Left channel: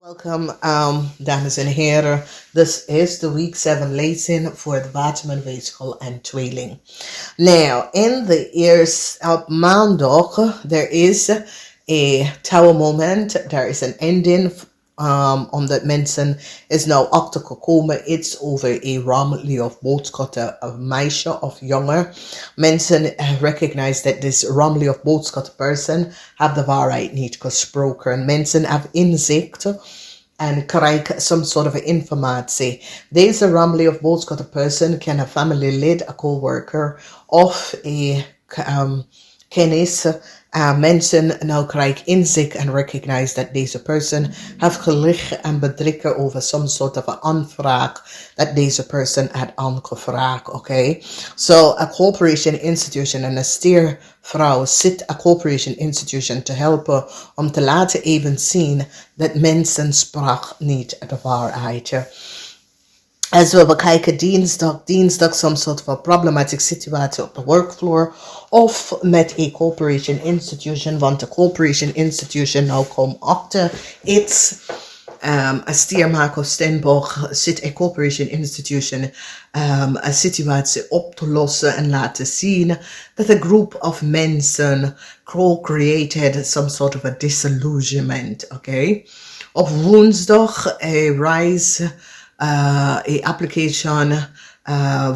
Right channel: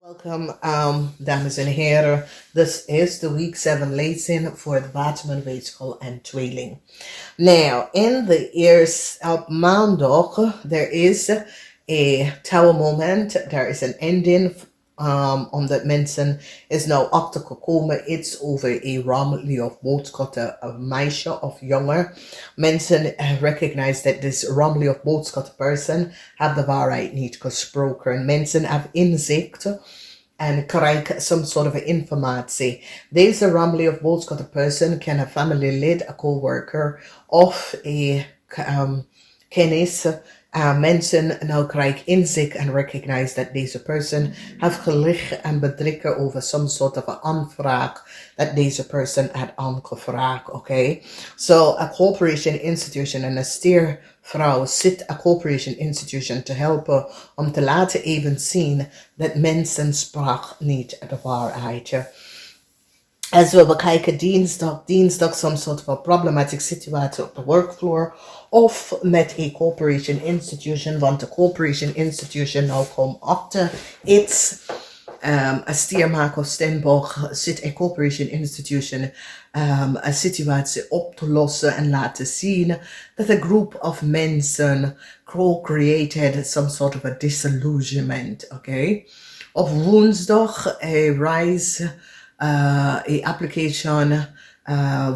Welkom, dames en heren. This is de week 7 lezing voor de WATERMAN weegschaal en tweeling. Now, in the ears op maandag, there is a tower moment. There is an ending omdat mensen is nou achtergekomen iets over een rammelie of boodschatten of meisje of jonger. Mensen recognize that this rammelie of boodschatten person have de waarheid niet gesproken. Mensen have inzicht en krijgen some sort of informatie. Deze rammelie of boodschatten person kan een familielid, een coworker of een kennis. Mensen nou krijgen inzicht en recognize dat deze person heeft gelicht en bedrikken over some sort of een aanvraag dat deze person had aangevraagd. Okay? So a corporation institution en een steervrouw zit a corporation institution te helpen om te laten even zien dat mensen sprak niet de waarheid. Als we bekijken dinsdag some sort of a problematic situatie op de workfloor of met een corporation institution, want de corporation institution nou komt achter iets. A stiermaker of Stenborg zit een corporation institution een situatie op te lossen en laten zien dat a group of mensen co-created some sort of a disillusionment. Okay? Op woensdag rise application.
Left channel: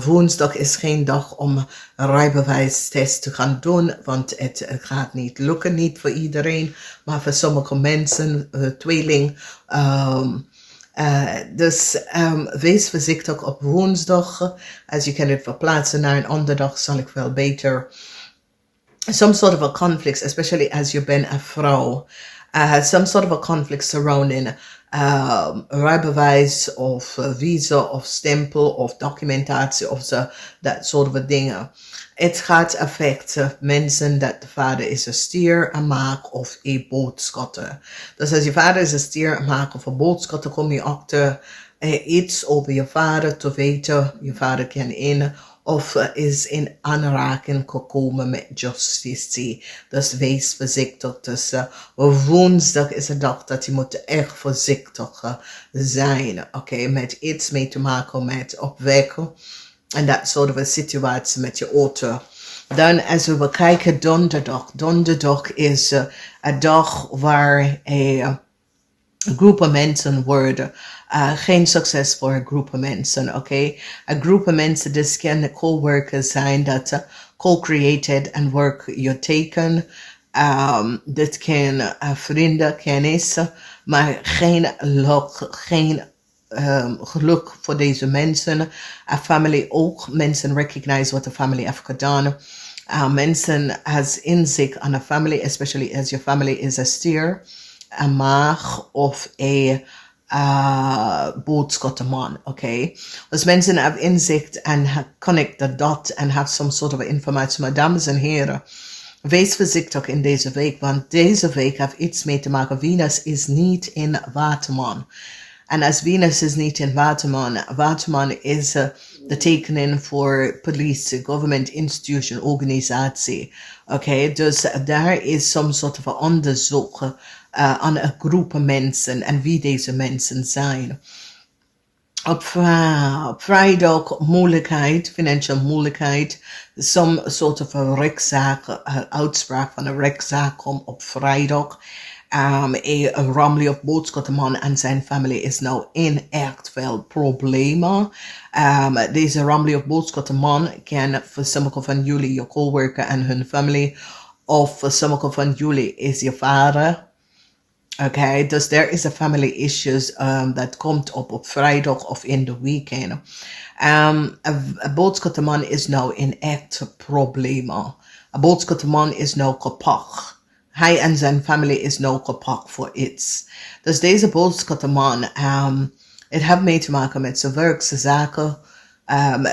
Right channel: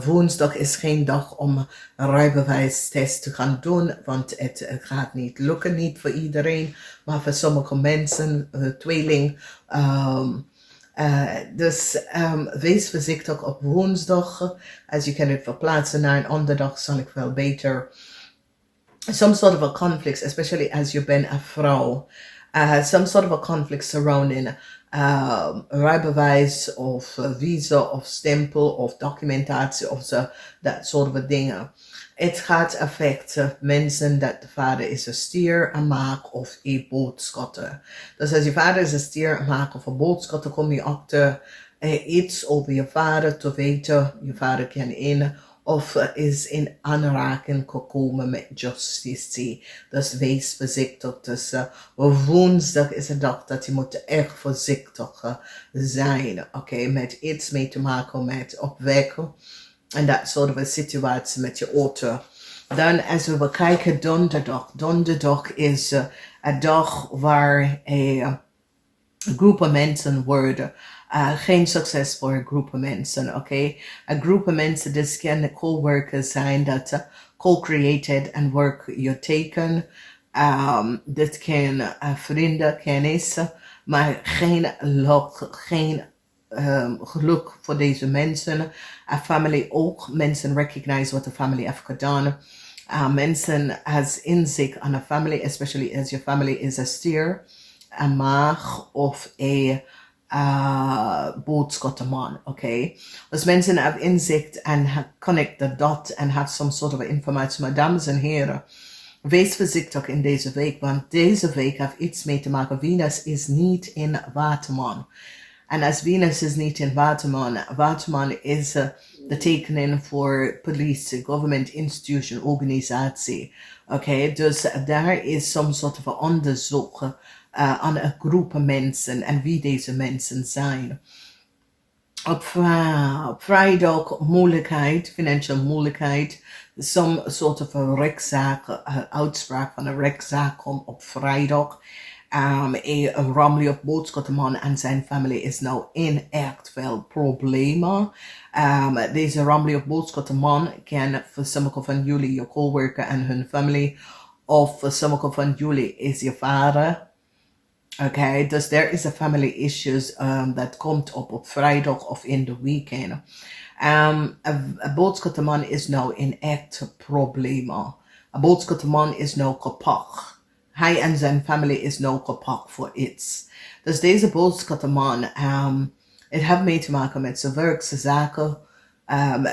Woensdag is geen dag om een rijbewijstest te gaan doen, want het gaat niet lukken, niet voor iedereen, maar voor sommige mensen, tweeling. Dus wees voorzichtig op woensdag. Als je kan het verplaatsen naar een andere dag, zal ik wel beter. Some sort of a conflict, especially as you been a vrouw. Some sort of a conflict surrounding rijbewijs of visa of stempel of documentatie of zo, dat soort dingen. Het gaat affecten mensen dat de vader is een stier, een maak of een boodschatter. Dus als je vader is een stier, een maak of een boodschatter, kom je achter iets over je vader te weten. Je vader kan in of is in aanraking gekomen met justitie. Dus wees voorzichtig. Dus woensdag is een dag dat je moet echt voorzichtig zijn. Okay? Met iets mee te maken met opwekken. En dat soort van situatie met je auto. Dan als we kijken donderdag. Donderdag is een dag waar een groepen mensen worden. Geen succes voor een groep mensen, oké? Een groep mensen, dus kan co-workers zijn dat co-created en work je teken. Dit kan vrienden, kennissen, maar geen luck, geen geluk voor deze mensen. Family ook, mensen recognize wat de family heeft gedaan. Mensen has inzicht aan een family, especially as your family is a steer, een maag of een boodschappenman, okay? Dus mensen hebben inzicht en connect the dot en have some sort of informatie. Maar dames en heren, wees voorzichtig in deze week, want deze week heeft iets mee te maken. Venus is niet in Waterman. En als Venus is niet in Waterman, Waterman is de tekening voor police, government institution, organisatie. Okay? Dus daar is some sort of onderzoek aan een groep mensen en wie deze mensen zijn. Op vrijdag moeilijkheid, financial moeilijkheid, some sort of a rechtszaak, uitspraak van een rechtszaak komt op vrijdag. Een rammelie of boodschappenman en zijn familie is nou in echt veel problemen. Deze rammelie of boodschappenman kan voor sommige van jullie je coworker en hun familie, of voor sommige van jullie is je vader. Okay, dus there is a family issues dat komt op vrijdag of in de weekend. Een boodschappenman is nou in echt problemen. Een boodschappenman is nou kapot. Hij en zijn familie is nou kapot voor iets. Dus deze boodschappenman, het heeft mee te maken met zijn werk, zijn zaken,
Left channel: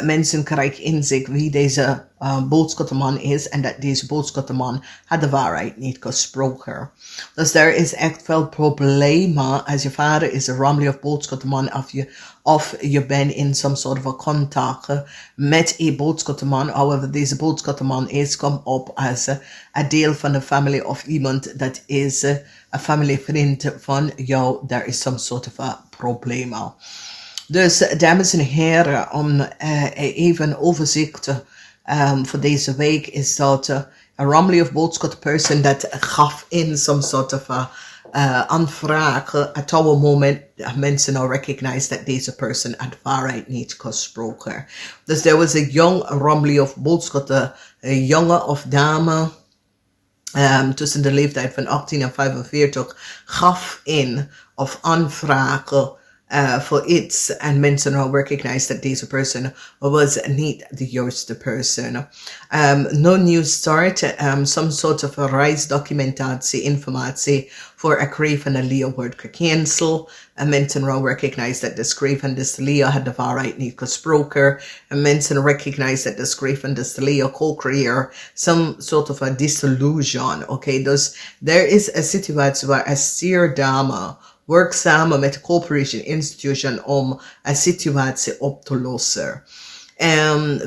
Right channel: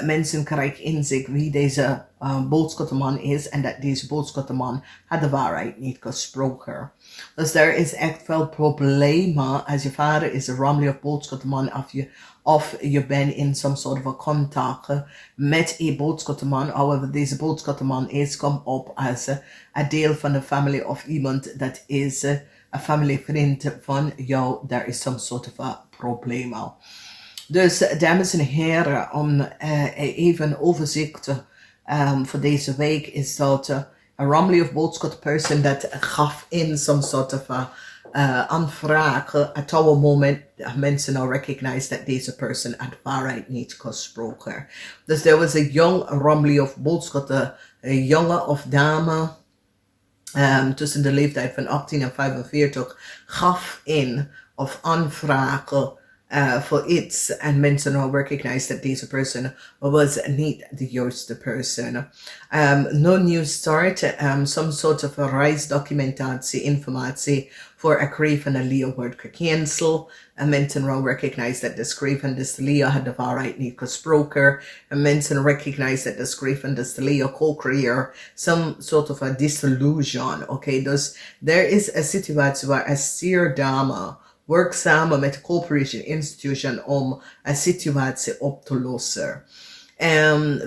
Mensen krijgen inzicht wie deze boodschappenman is en dat deze boodschappenman had de waarheid niet gesproken. Dus er is echt veel problemen als je vader is een ramli of boodschappenman of je bent in some sort of contact met een boodschappenman. However, deze boodschappenman is kom op als een deel van de familie of iemand dat is een familievriend van jou. Daar is some sort of a probleem. Dus dames en heren, om even overzicht voor deze week is dat een ramli of boodschap person dat gaf in some sort of aanvraag. At our moment, mensen now recognize that deze person had waarheid niet gesproken. Dus there was a young ramli of boodschap, een jongen of dame tussen de leeftijd van 18 en 45 gaf in of aanvragen voor iets en mensen now recognize that deze person was niet de juiste person. No new start, some sort of a reisdocumentatie, informatie voor een schreef van de Leo wordt gecanceld. En mensen now recognize that de schreef van de Leo had de waarheid niet gesproken. En mensen recognize that de schreef van de Leo co-creëer some sort of a disillusion. Okay, dus there is een situatie waar een stierdame werk samen met de corporation institution om een situatie op te lossen.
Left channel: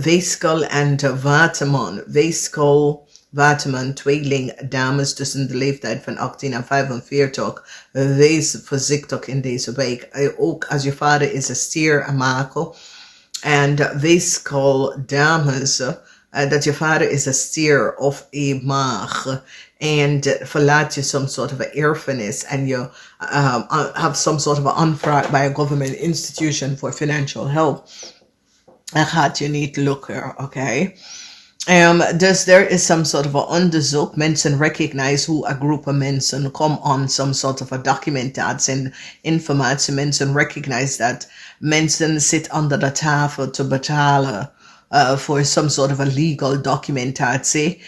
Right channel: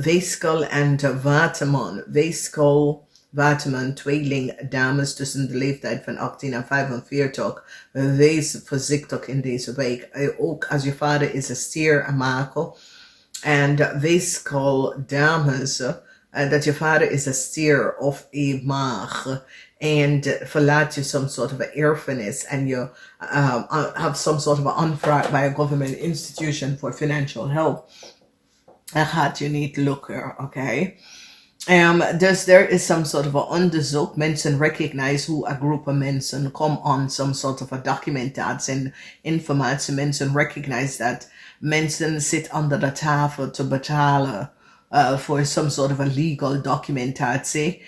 Weegschaal en Waterman. Weegschaal, Waterman, tweeling dames tussen de leeftijd van 18 en 45. Wees voorzichtig in deze week. Ook als je vader is een stier en makel. En weegschaal dames, dat je vader is een stier of een maag. And verlaat je some sort of an erfenis and you have some sort of an aanvraag by a government institution for financial help. Dat gaat je niet lukken, okay? Dus there is some sort of a onderzoek. Mensen recognize hoe a group of mensen come on some sort of a documentatie en informatie. Mensen recognize that mensen zitten onder de tafel te betalen for some sort of a legal documentatie.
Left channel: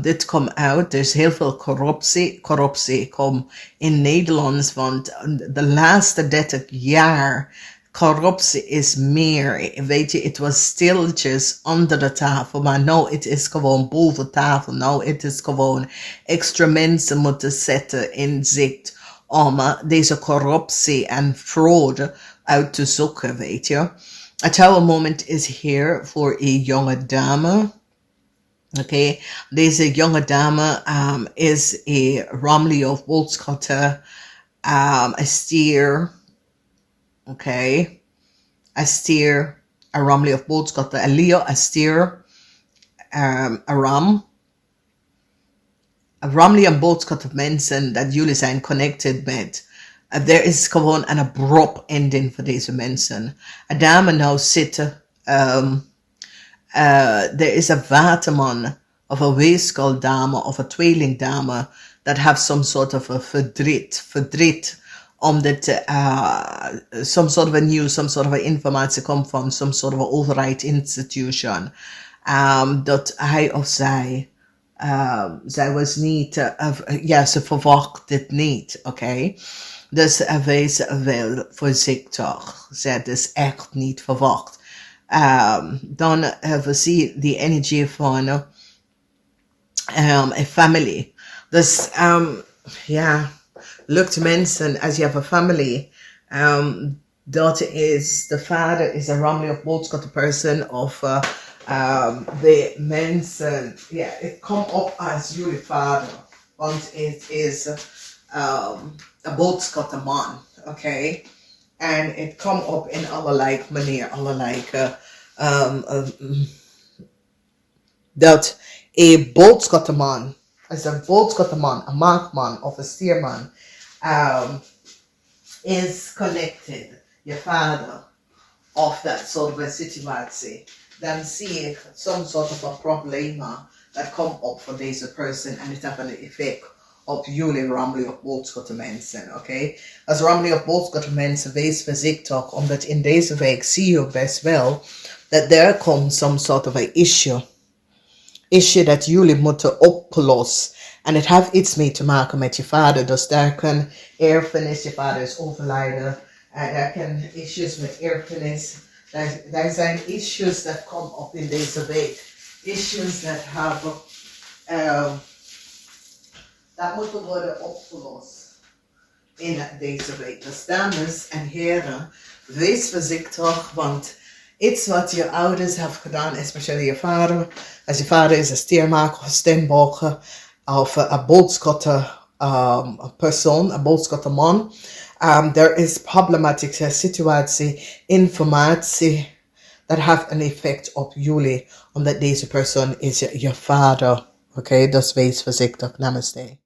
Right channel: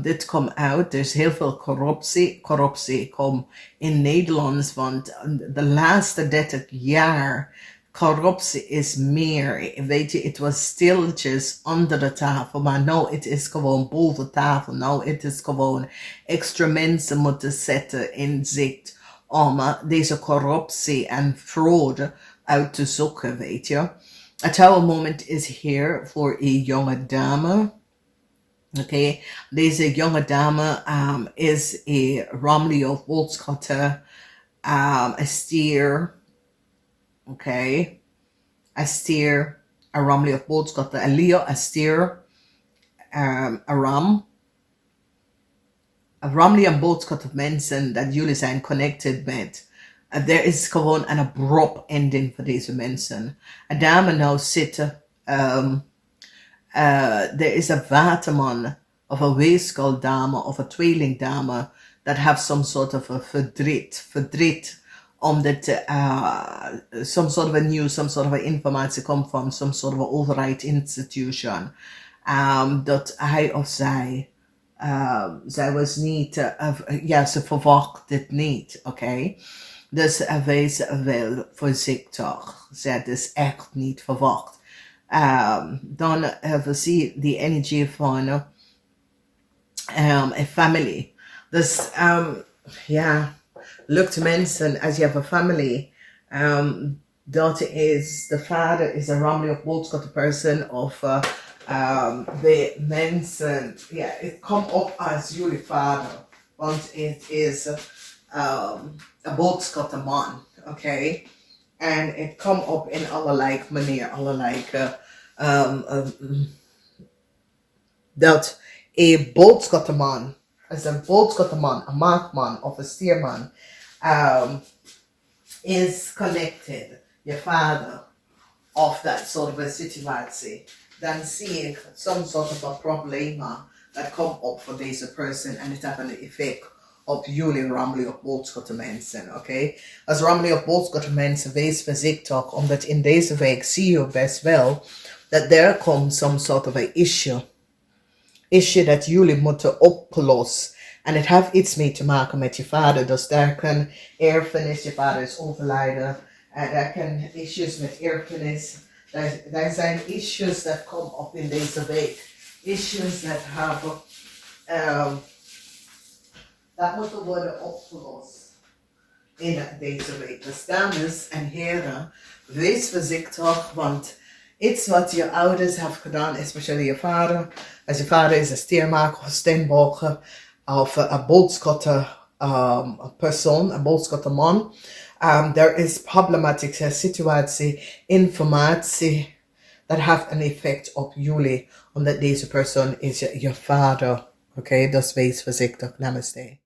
Dit komt uit. Er is heel veel corruptie. Corruptie komt in Nederland, want de laatste 30 jaar corruptie is meer. Weet je, het was stilletjes onder de tafel, maar nou het is gewoon boven tafel. Nou het is gewoon extra mensen moeten zetten in zicht om deze corruptie en fraude uit te zoeken, weet je. A tower moment is here voor een jonge dame. Okay, deze jonge dame is een ramli of wolfschutter, a stier. Okay, a stier, a ramli of wolfschutter, a Leo, a stier, a ram. A ramli en wolfschutter mensen dat jullie zijn connected met. There is gewoon een abrupt ending voor deze mensen. Een dame nou zitten. There is a waterman of a weegschaal dame of a tweeling dame that have some sort of a verdriet. Omdat some sort of a news, some sort of a informatie komt van some sort of a overheid institution. Dat hij of zij was niet, ze verwacht het niet, oké? Dus wees wel voorzichtig. Ze is echt niet verwacht. Dan we zien die energie van een family. Dus lukt mensen als je hebt een family. Dat is, de vader is een ramli of boodschap person of de mensen. Ja, het komt op als jullie vader. Want het is een boodschappenman, oké? En het komt op in allerlei manier, allerlei dat een boodschappenman, als een boodschappenman, een maagman of een stierman, is connected, je vader, of dat soort of situatie, dan zie ik some sort of a probleem dat komt op voor deze person en het heeft een effect op jullie ramli of boodschap mensen, oké? Als ramli of boodschap mensen, wees voorzichtig, omdat in deze week zie je best wel dat er komt some sort of a issue dat jullie moeten oplossen. En het heeft iets mee te maken met je vader, dus daar kan erfenis, je vader is overlijden, daar kan issues met erfenis, Er zijn issues dat komen op in deze week. Issues dat hebben, dat moeten worden opgelost in deze week. Dus dames en heren, wees voorzichtig, want iets wat je ouders hebben gedaan, especially je vader, als je vader is een steenmaker of steenboger, of een boodschatter persoon, een boodschapperman, there is problematische situatie, informatie, dat heeft een effect op jullie, omdat deze persoon is je vader. Oké, dus wees voorzichtig. Namaste.